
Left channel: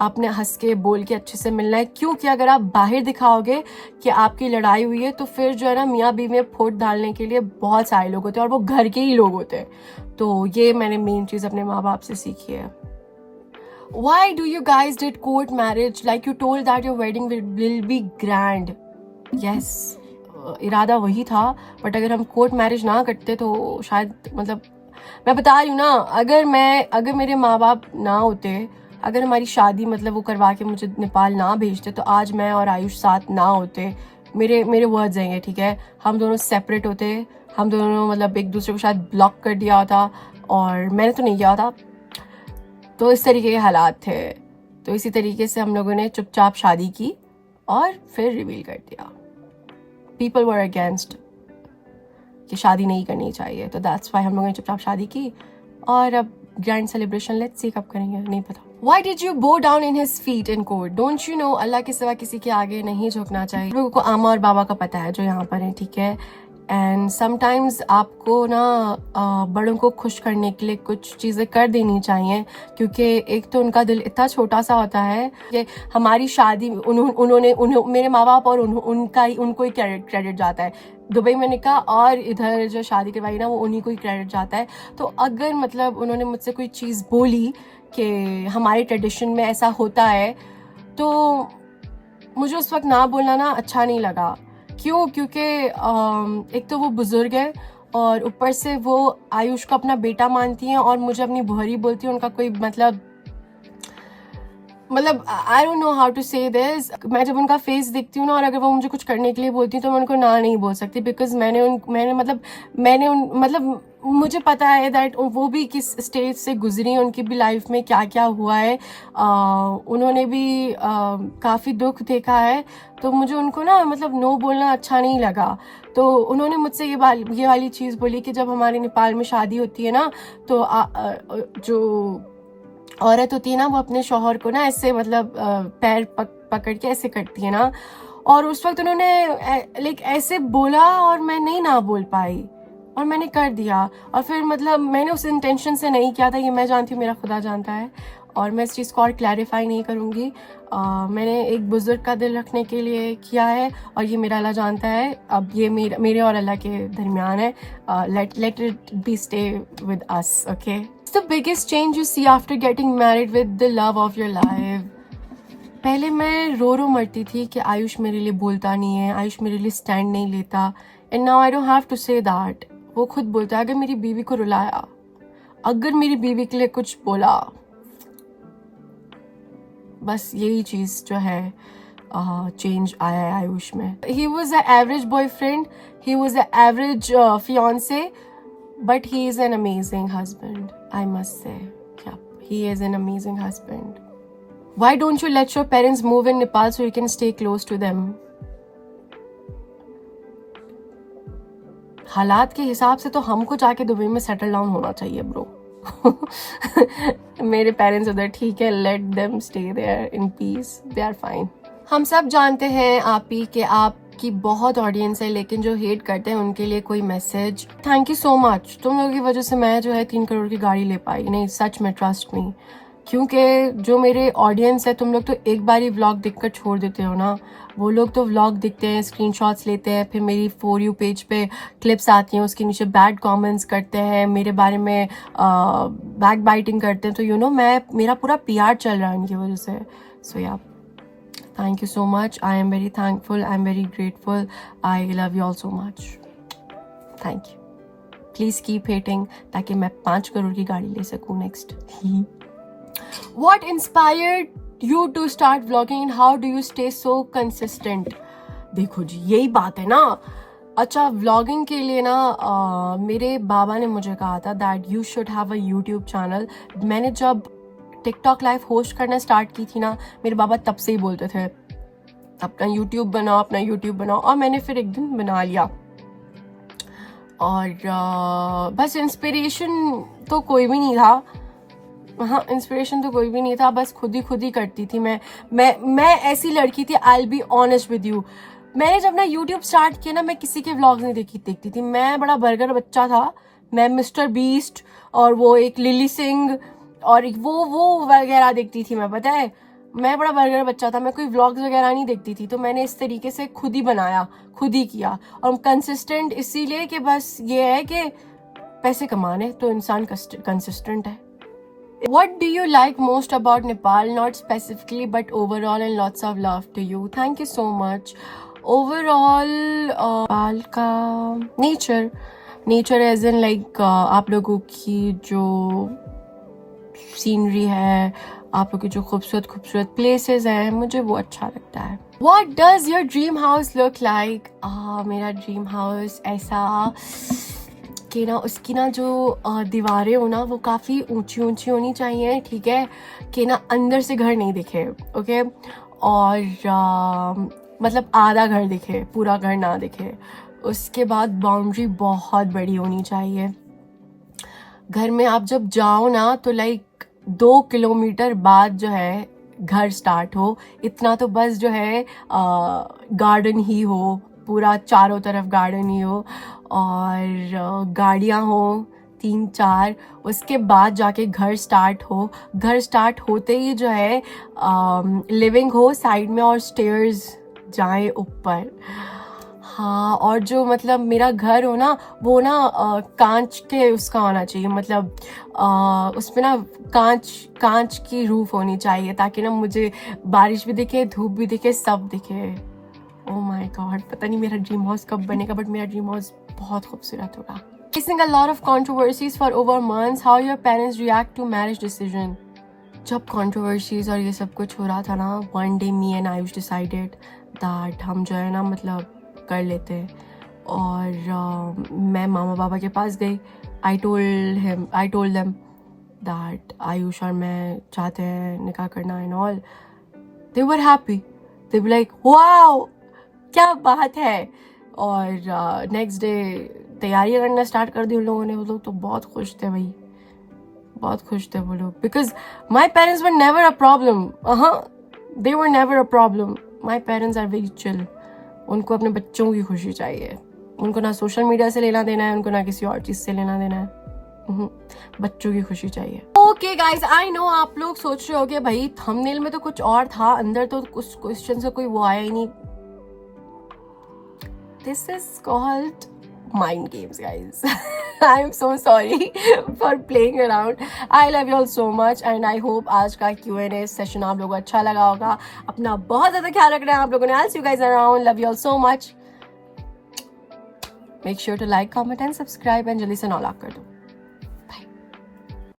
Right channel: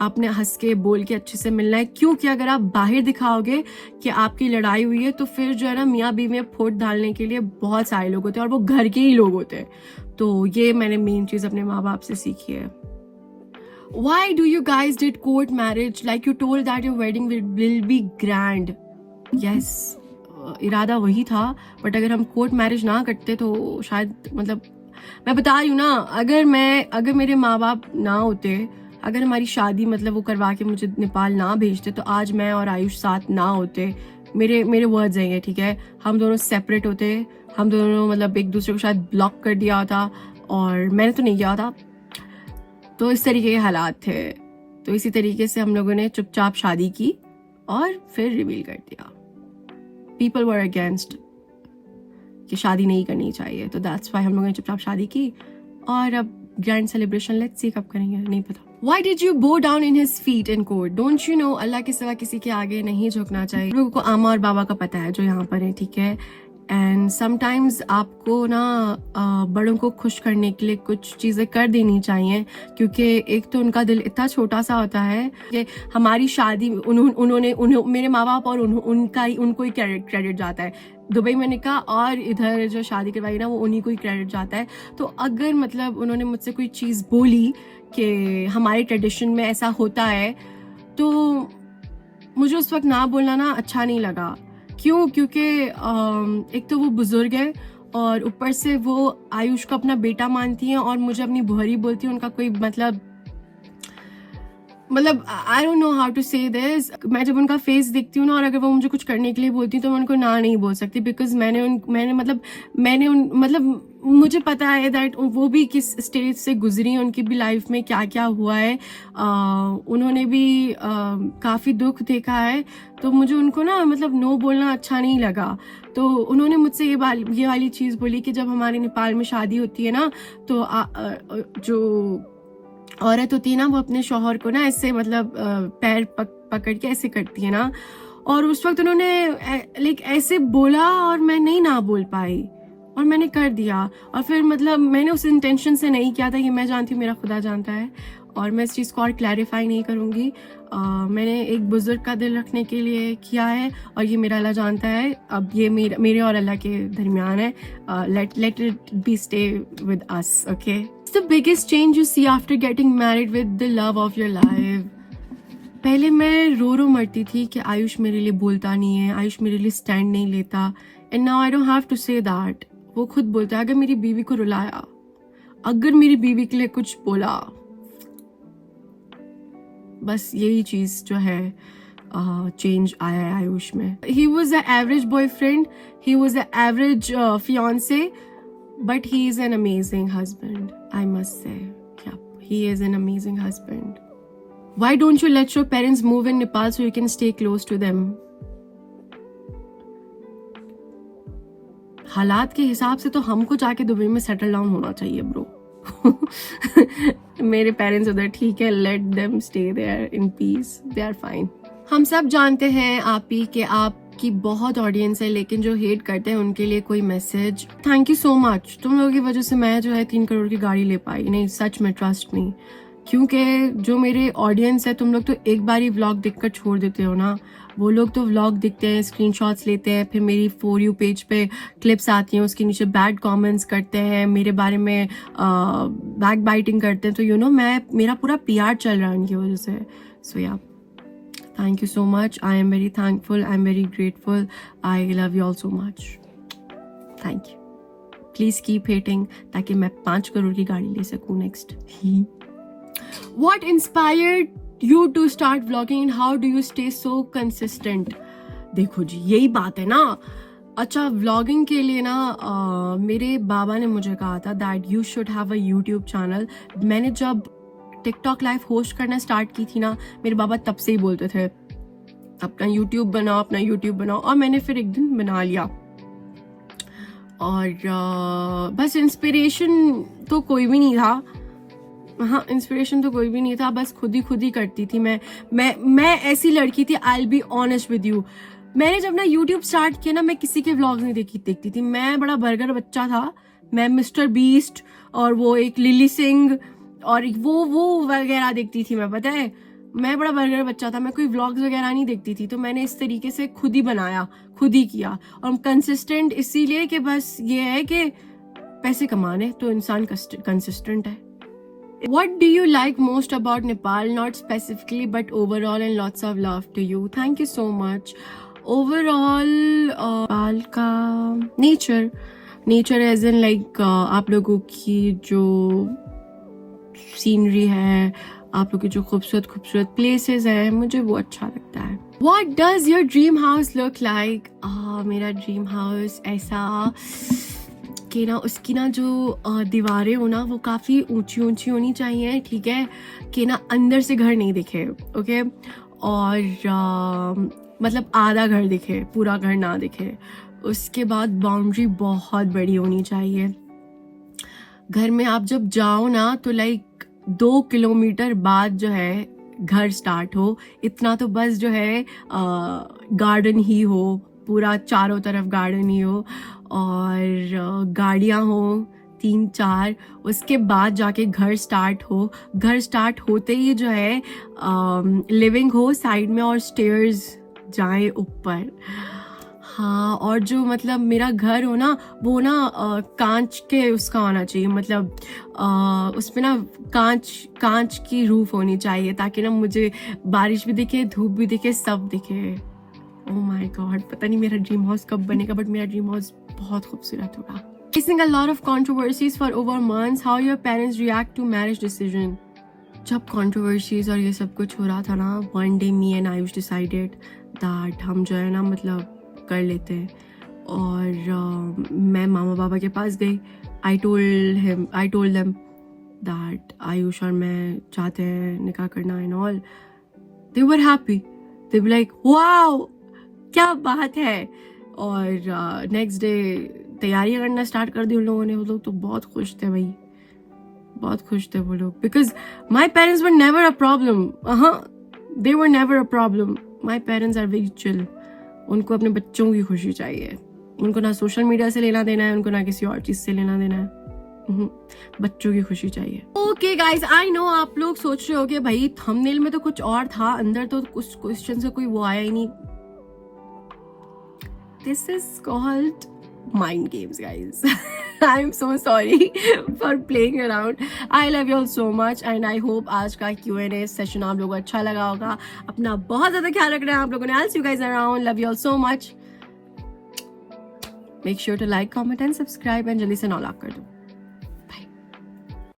आपने हंस के बोल के अच्छे से मिलना है, क्योंकि अगर आप बाहर दिखाओगे कि आपकी लड़ाई हुई है तो फिर जो है ना, मियाँ बीवी में फोट डालने के लिए बहुत सारे लोग होते हैं और वो घर के ही लोग होते हैं। तो ये मैंने मेन चीज अपने माँ बाप से सीखी है। Why do you guys did court marriage? Like you told that your wedding will be grand. Yes, इरादा वही था, बट अगर हम कोर्ट मैरिज ना करते तो शायद, मतलब मैं बता रही हूँ ना, अगर मेरे माँ बाप ना होते, अगर हमारी शादी मतलब वो करवा के मुझे नेपाल ना भेजते, तो आज मैं और आयुष साथ ना होते। मेरे वर्ड्स हैं ये, ठीक है? हम दोनों सेपरेट होते, हम दोनों मतलब एक दूसरे को शायद ब्लॉक कर दिया होता, और मैंने तो नहीं किया था। तो इस तरीके के हालात थे, तो इसी तरीके से हम लोगों ने चुपचाप शादी की और फिर रिवील कर दिया। पीपल वर अगेंस्ट कि शादी नहीं करनी चाहिए, तो दैट्स व्हाई हम लोगों ने चुपचाप शादी की, और अब ग्रैंड सेलिब्रेशन लेट्स सी कब करेंगे, नहीं पता। Why did you bow down in his feet in court? Don't you know अल्लाह के सिवा किसी के आगे नहीं झुकना चाहिए। लोगों को आमा और बाबा का पता है जो यहाँ पर है, ठीक है? एंड समटाइम्स आपको ना बड़ों को खुश करने के लिए कुछ चीज़ें कर देनी चाहिए, क्योंकि एक तो उनका दिल इतना छोटा सा होता है कि हमारी शादी उन्होंने मेरे माँ बाप और उनको ही क्रेडिट जाता है। दुबई में निकाह और इधर जो शादी करवाई ना, वो उन्हीं को ही क्रेडिट जाता है। तो अगर मतलब उन्होंने मुझसे कोई चीज़ बोली कि हमारे ट्रेडिशन में ऐसा होता है, तो मुझे उस वक्त ना बोलना ना अच्छा नहीं लगा। क्यों? क्योंकि एक तो वो बुजुर्ग है और ऊपर से वो आयुष को अपना बेटा मानती हैं और मुझे अपनी बुहरी बोलती है। उनका कोई मतलब I don't know how to say this. मैं जब उनका फेस देखती हूँ ना, और अगर वो मुझे कुछ करने के लिए बोलती हूँ तो मैं उनको ना नहीं बोल सकती, बिकॉज मुझे पता है दैट वो भी किस स्टेज से गुजरी, उनकी भी लाइफ में क्या क्या हुआ है। उन्होंने भी काफ़ी दुख देखा है, तो मुझे उनको ना मतलब नो बोलना अच्छा नहीं लगा। तो उन्होंने मुझसे ये वाली चीज़ बोली कि जब हमारे नेपाल में शादी होती है ना, तो जो औरत होती है ना, वो अपने शौहर को ना ऐसे मतलब पैर पकड़ के ऐसे करती है ना, और उस वक्त उन्होंने लाइक ऐसे बोला और मैं नहीं ना बोल पाई और मैंने कर दिया। और फिर मतलब मैंने उस इंटेंशन से नहीं किया था, ये मैं जानती हूँ, मेरा खुदा जानता है, और मैं इस चीज़ को और क्लैरिफाई नहीं करूँगी। मैंने एक बुजुर्ग का दिल रखने के लिए किया है और ये मेरा अल्लाह जानता है। अब ये मेरे और अल्लाह के दरमियान है। Let it be stay with us, okay? The biggest change you see after getting married with the love of your life? पहले मैं रो मरती थी कि आयुष मेरे लिए बोलता नहीं है, आयुष मेरे लिए स्टैंड नहीं लेता, and now I don't have to say that. वो खुद बोलता है, अगर मेरी बीवी को रुलाया, अगर मेरी बीवी के लिए कुछ बोला, बस यही चीज जो है चेंज आया है आयुष में। He was a average boyfriend, he was a average fiance, but he is an amazing husband, I must say. Yeah, he is an amazing husband. Why don't you let your parents move in Nepal so you can stay close to them? हालात के हिसाब से तो हमको जाके दुबई में सेटल डाउन होना चाहिए ब्रो। को। मेरे पेरेंट्स उधर ठीक है, let them stay there in peace, they are fine. हम सब जानते हैं आप ही कि आपकी बहुत ऑडियंस है, लेकिन जो हेट करते हैं उनके लिए कोई message? Thank you so much. तुम लोगों की वजह से मैं जो है 3 करोड़ की गाड़ी ले पाई। नहीं सच में, ट्रस्ट मी, क्योंकि जो मेरे ऑडियंस है, तुम लोग तो एक बार ही व्लॉग देखकर छोड़ देते हो ना। वो लोग तो व्लॉग दिखते हैं, स्क्रीनशॉट्स लेते हैं, फिर मेरी फॉर यू पेज पे क्लिप्स आती हैं, उसके नीचे बैड कमेंट्स करते हैं, मेरे बारे में बैक बाइटिंग करते हैं। तो यू नो मेरा पूरा PR चल रहा है उनकी वजह से। सो या, thank you so much. I am very thankful, I am very grateful, I love you all so much. Thank you. Please keep hating ताकि मैं 5 करोड़ की गाड़ी ले सकूँ next. What inspired you to start vlogging and how do you stay so consistent? देखो जी, यही बात है ना। अच्छा, व्लॉगिंग के लिए ना मेरे बाबा ने मुझे कहा था that you should have a YouTube channel। मैंने जब टिकटॉक लाइव होस्ट करना स्टार्ट की थी ना, मेरे बाबा तब से ही बोलते थे अपना YouTube बनाओ, अपना YouTube बनाओ, और मैंने फिर एक दिन बना लिया। और बस इंस्पिरेशन तो कोई भी नहीं था। हाँ, इंस्पिरेशन तो कोई भी नहीं था, बस खुद ही करती थी। मैं ऐसी लड़की थी, I will be honest with you. मैंने जब ना यूट्यूब स्टार्ट किया ना, मैं किसी के व्लॉग्स नहीं देखती थी। मैं बड़ा बर्गर बच्चा था। मैं मिस्टर बीस्ट और वो एक लिली सिंह और वो वगैरह देखती थी मैं, पता है। मैं बड़ा बर्गर बच्चा था, मैं कोई व्लॉग्स वगैरह नहीं देखती थी। तो मैंने इस तरीके से खुद ही बनाया, खुद ही किया। और कंसिस्टेंट इसीलिए कि बस ये है कि पैसे कमाने तो इंसान कंसिस्टेंट है। What do you like most about Nepal? Not specifically, but overall, and lots of love to you. Thank you so much. Overall, Nepal का nature as in like आप लोगों की जो सीनरी है, आप लोगों की जो खूबसूरत प्लेसेस हैं, मुझे वो अच्छा लगता है। What does your dream house look like? मेरा ड्रीम हाउस ऐसा कि ना उसकी ना जो दीवारें हो ना, वो काफ़ी ऊंची होनी चाहिए, ठीक है, कि ना अंदर से घर नहीं दिखे, ओके। और मतलब आधा घर दिखे, पूरा घर ना दिखे। उसके बाद बाउंड्री बहुत बड़ी होनी चाहिए घर में। आप जब जाओ ना तो लाइक 2 किलोमीटर बाद जो है घर स्टार्ट हो, इतना तो बस जो है गार्डन ही हो, पूरा चारों तरफ गार्डन ही हो, और गाड़ियाँ हो 3-4। उसके बाद जाके घर स्टार्ट हो। घर स्टार्ट होते ही जो है लिविंग हो साइड में, और स्टेयर्स जाए ऊपर। हाँ, और जो मतलब मेरा घर हो ना, वो ना कांच के उसका होना चाहिए, मतलब उसमें ना कांच की रूफ होनी चाहिए, ताकि ना मुझे बारिश भी दिखे, धूप भी दिखे, सब दिखे। ओह माय गॉड, पता नहीं मेरा ड्रीम हाउस कब बनेगा, बट मेरा ड्रीम हाउस बहुत खूबसूरत होगा। Facing a lot of controversies for over months, how your parents react to marriage decision? जब controversies और ये सब कुछ हो रहा था ना, one day me and Ayush decided that हम जो है ना मतलब कर लेते। और मैं मामा पापा के पास गई। I told them that Ayush और मैं चाहते हैं निकाह करना and all. They were happy. They were like, wow, क्या बात है। और नेक्स्ट डे तैयारियां करना स्टार्ट कर दी उन लोगों ने। वो लोग तो बहुत खुश थे भाई, बहुत खुश थे वो लोग, because my parents were never a problem. They were never a problem. My parents are very chill. उनको अपने बच्चों की खुशी चाहिए। उनको ना सोशल मीडिया से लेना देना है, उनको ना किसी और चीज से लेना देना है, बच्चों की खुशी चाहिए। ओके गाइज, आई नो आप लोग सोच रहे होगे भाई थंबनेल में तो कुछ और था, अंदर तो कुछ क्वेश्चन से कोई वो आया ही नहीं। This is called mind games, guys. I'm so sorry for playing around. I love you all so much and I hope आज का Q&A session आप लोगों को अच्छा लगा होगा। अपना बहुत ज़्यादा ख्याल रखना है आप लोगों ने। I'll see you guys around. Love you all so much. Make sure to like, comment and subscribe and जल्दी से 9 लाख कर दो।